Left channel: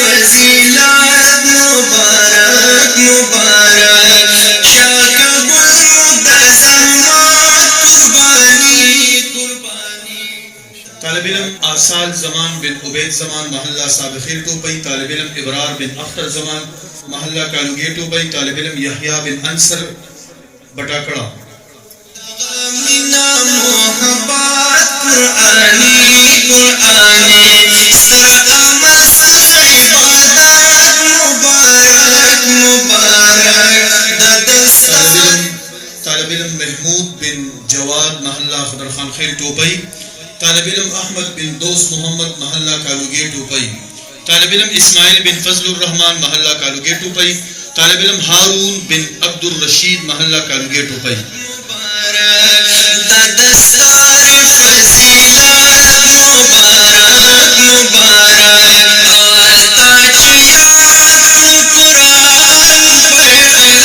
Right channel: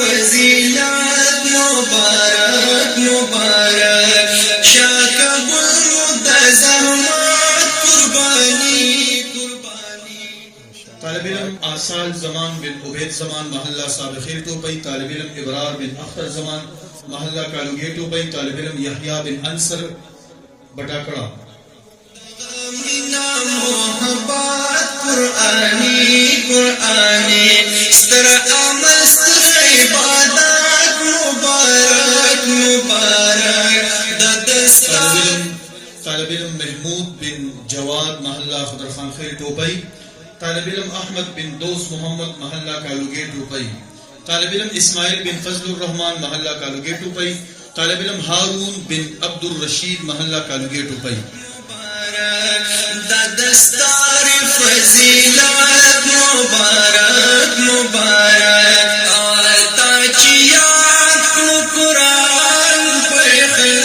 فضیلت مبارک مبارک شاہ قبول مدزمات قربانی طالب علم آصال زمان بن عبید زمان محلہ سابخیر ٹوپئی، طالب علم ابرار بن اختر زمان محلہ کالوگے ٹوپئی، طالب علم یحییٰ بن انصر بٹاکڑا۔ مینا محبت قرآنی قرآنی سر عمل سر عبادت مبارک مبارک طالب علم محمود بن جواد محلہ خضر خان خیل ٹوپئی، طالب علم احمد بن دوست محمد محلہ کالوگے ٹوپئی، طالب علم اسماعیل بن فضل الرحمن محلہ کالوگے ٹوپئی، طالب علم ہارون بن عبد الرشید محلہ کالوگے ٹوپئی۔ دستار فضیلت مبارک مبارک آتا چیات قرآن پر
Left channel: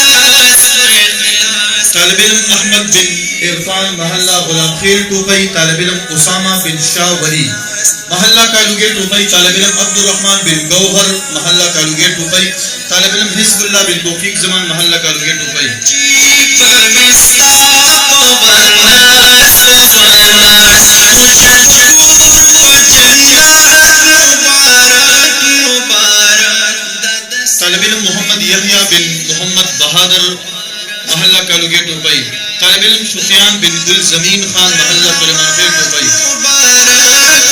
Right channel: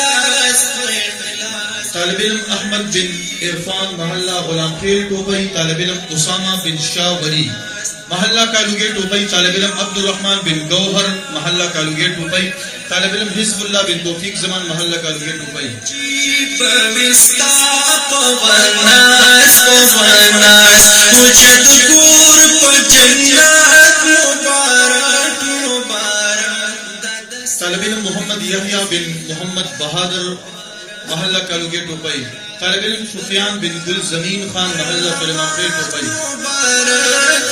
اخلاص طالب علم احمد بن عرفان محلہ غلام خیل ٹوپئی، طالب علم اسامہ بن شاہ ولی محلہ کالوگے ٹوپئی، طالب علم عبد الرحمن بن گوہر محلہ کالوگے ٹوپئی، طالب علم حزب اللہ بن توفیق زمان محلہ کالوگے ٹوپئی۔ طالب علم محمد یحییٰ بن محمد بہادر محلہ کالوگے ٹوپئی، طالب علم سفیان بن گل زمین خان محلہ سلیمان خیل ٹوپئی۔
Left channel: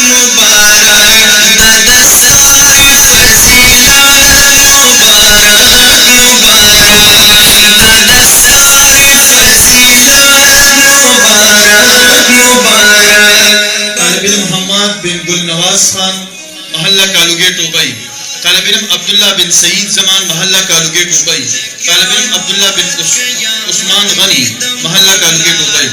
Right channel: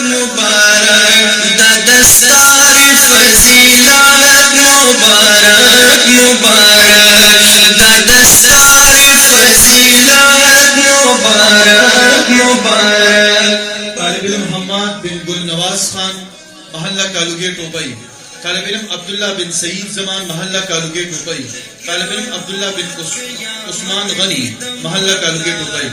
مبارک دستار فضیلت مبارک مبارک دستار فضیلت مبارک مبارک طالب علم حماد بن گل نواز خان محلہ کالوگے ٹوپئی، طالب علم عبداللہ بن سعید زمان محلہ کالوگے ٹوپئی، طالب علم عبداللہ بن عثمان غنی محلہ کالوگے ٹوپئی۔